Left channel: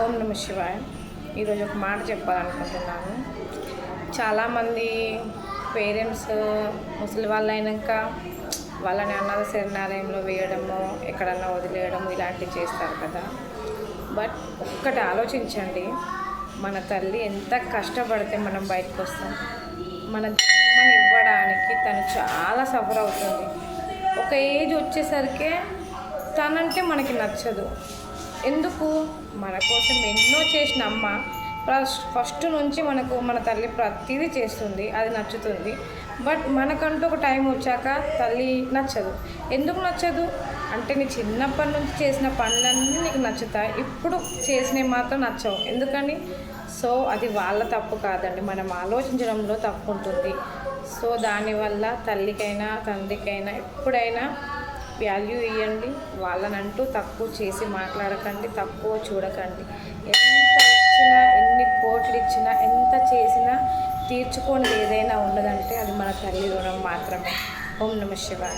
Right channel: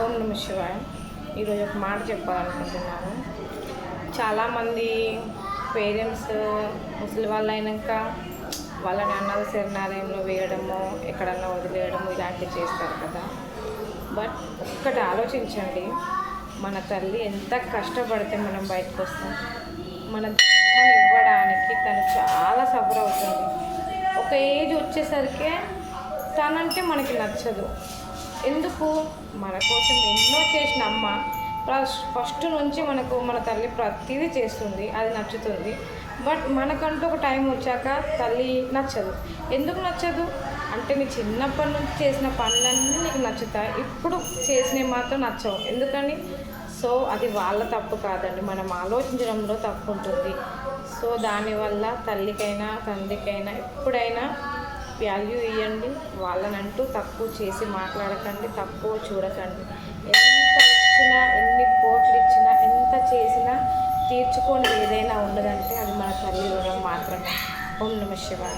ఓం నమ శివాయ. ఈరోజు ఒక మాట చెప్పాలనుకుంటున్నాను. చాలామంది పేరెంట్స్ ముసలి వాళ్ళు అయినాక వాళ్ళని అన్నద శరణాలయంలో వేయడము, ఎక్కడన్నా వదిలేయడము ఇలాంటివి చేస్తారు కదా. బట్ ఒక్కటి ఆలోచించండి, మన తల్లి ఎంత కష్టపడితే మనం బయటకు వస్తాం. మన జన్మని ఇవ్వడానికి తను చాలా సఫర్ అవుతుంది. ఒక ఏజ్ వచ్చేసరికి తనంటే మనకి నచ్చదు. ఎందుకు? మన కోసం ఎన్నో చేసిన అమ్మ ఫస్ట్ నుంచి మన తల్లి ప్రతిదీ చేస్తుంది, అది నచ్చుతుంది. బట్ మనకంటూ ఒక టైం వచ్చాక తల్లి నచ్చదు. ఎందుకు నచ్చదు అంటే, నీ చిన్నప్పటి నుంచి చేసిన పనులన్నీ నీకు నచ్చుతాయి, ఇప్పుడు చేసినవి మాత్రం నచ్చవు. ఎందుకని? సో అది వాళ్ళ తప్పు కాదండి, మనం ఆలోచించడంలో తప్పు ఉంటుంది. సో దానివల్ల తల్లికైనా తండ్రికైనా ఎప్పుడైనా వాల్యూ ఇవ్వండి. వాళ్ళనంటూ తక్కువ చేసి మాట్లాడకండి, తక్కువ చూడకండి. ఎంత ఇచ్చినా, ఎన్ని కోట్లు ఇచ్చినా, ఎంత చేసినా తీర్చుకొని ఏదైనా ఉండదంటే అది మన తల్లి రుణం మాత్రమే. ఓం నమ శివాయ.